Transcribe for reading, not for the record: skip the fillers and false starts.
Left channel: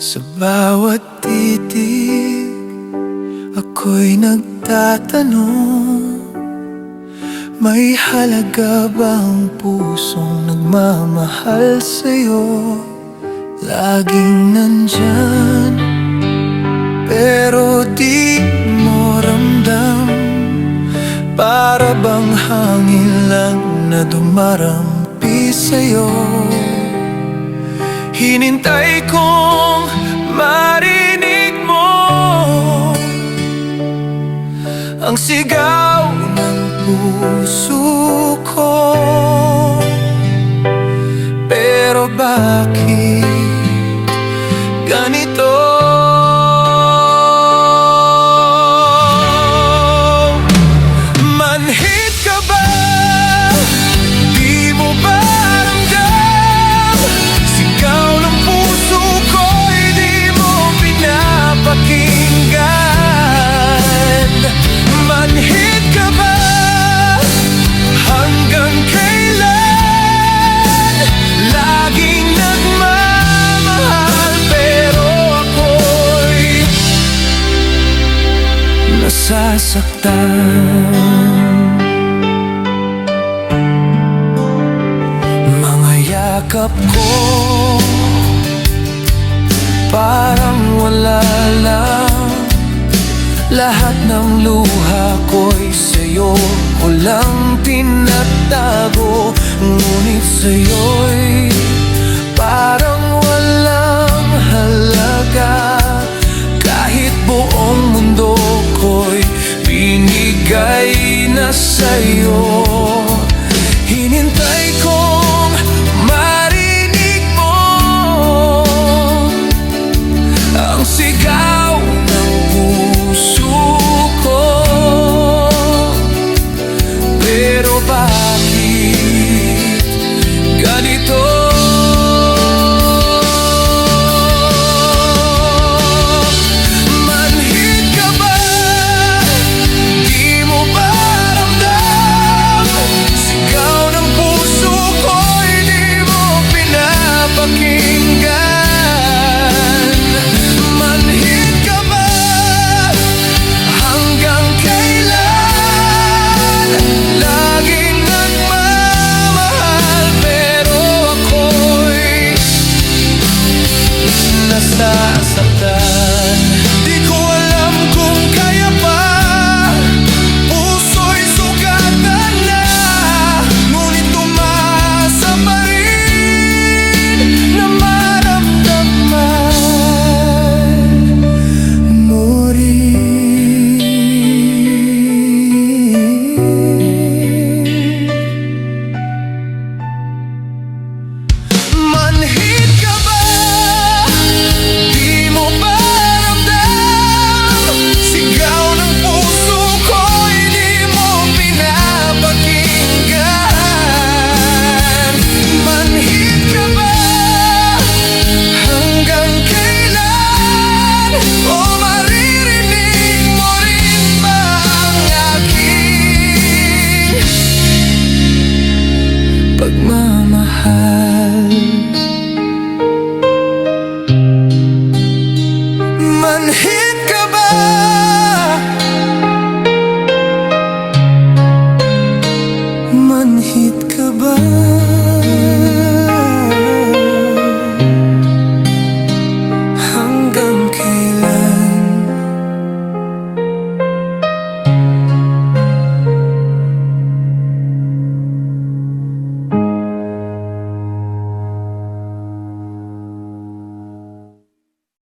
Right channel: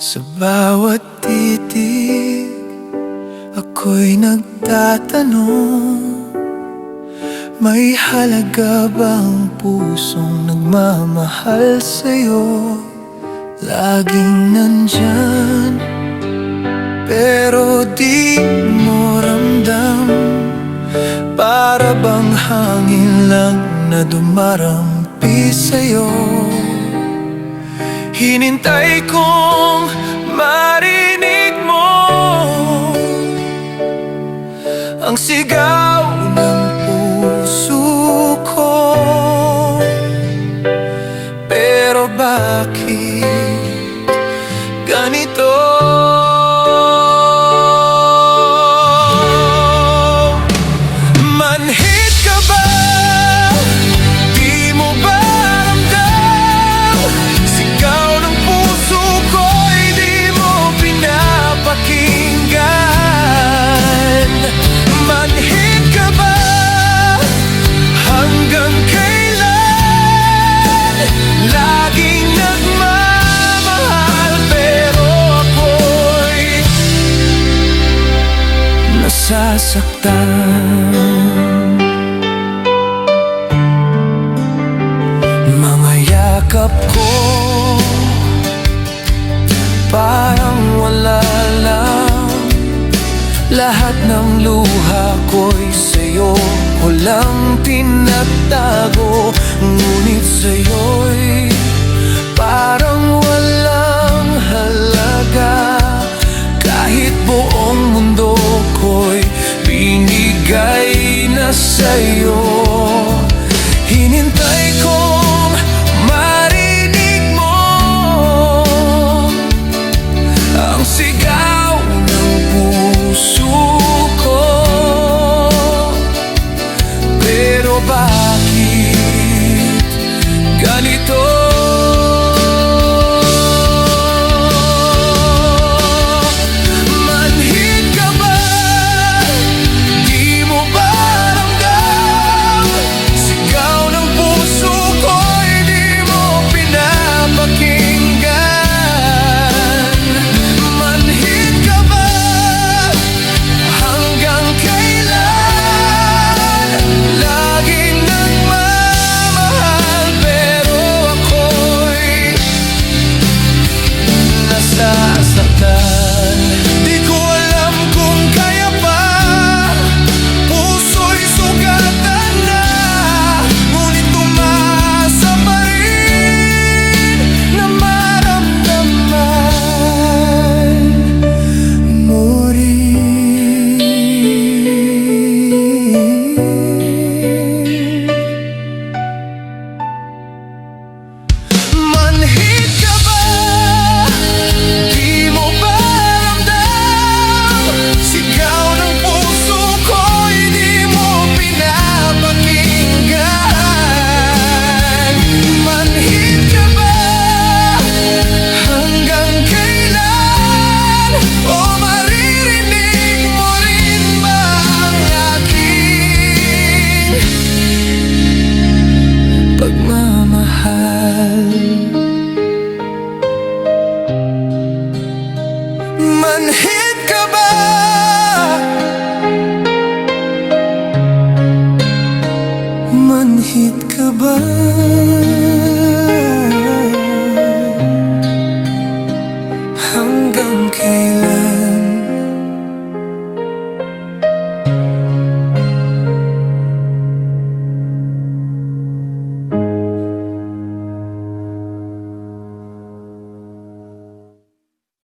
Sa bawat titig, ako'y nagtatanong, may halaga bang pusong nagmamahal sa'yo? Laging nandyan, pero di mo ramdam. Para bang hangin lang na dumarampi sa'yo. Hinintay kong marinig mo ang sigaw ng puso ko. Pero bakit ganito? Manhid ka ba? Di mo ba ramdam? Sigaw ng puso ko'y di mo pinapakinggan. Manhid ka ba? Hanggang kailan? Laging nagmamahal, pero ako'y nasasaktan. Mga yakap ko parang wala lang. Lahat ng luha ko'y sa'yo ko lang tinatago. Ngunit sa'yo'y parang walang halaga. Kahit buong mundo ko'y binigay na sa'yo. Hinintay kong marinig mo ang sigaw ng puso ko. Pero bakit ganito? Nasasaktan. Di ko alam kung kaya pa, puso'y sugatan na. Ngunit umasa pa rin na maramdaman mo rin. Manhid ka ba? Pagmamahal. Manhid ka ba? Manhid ka ba? Hanggang kailan?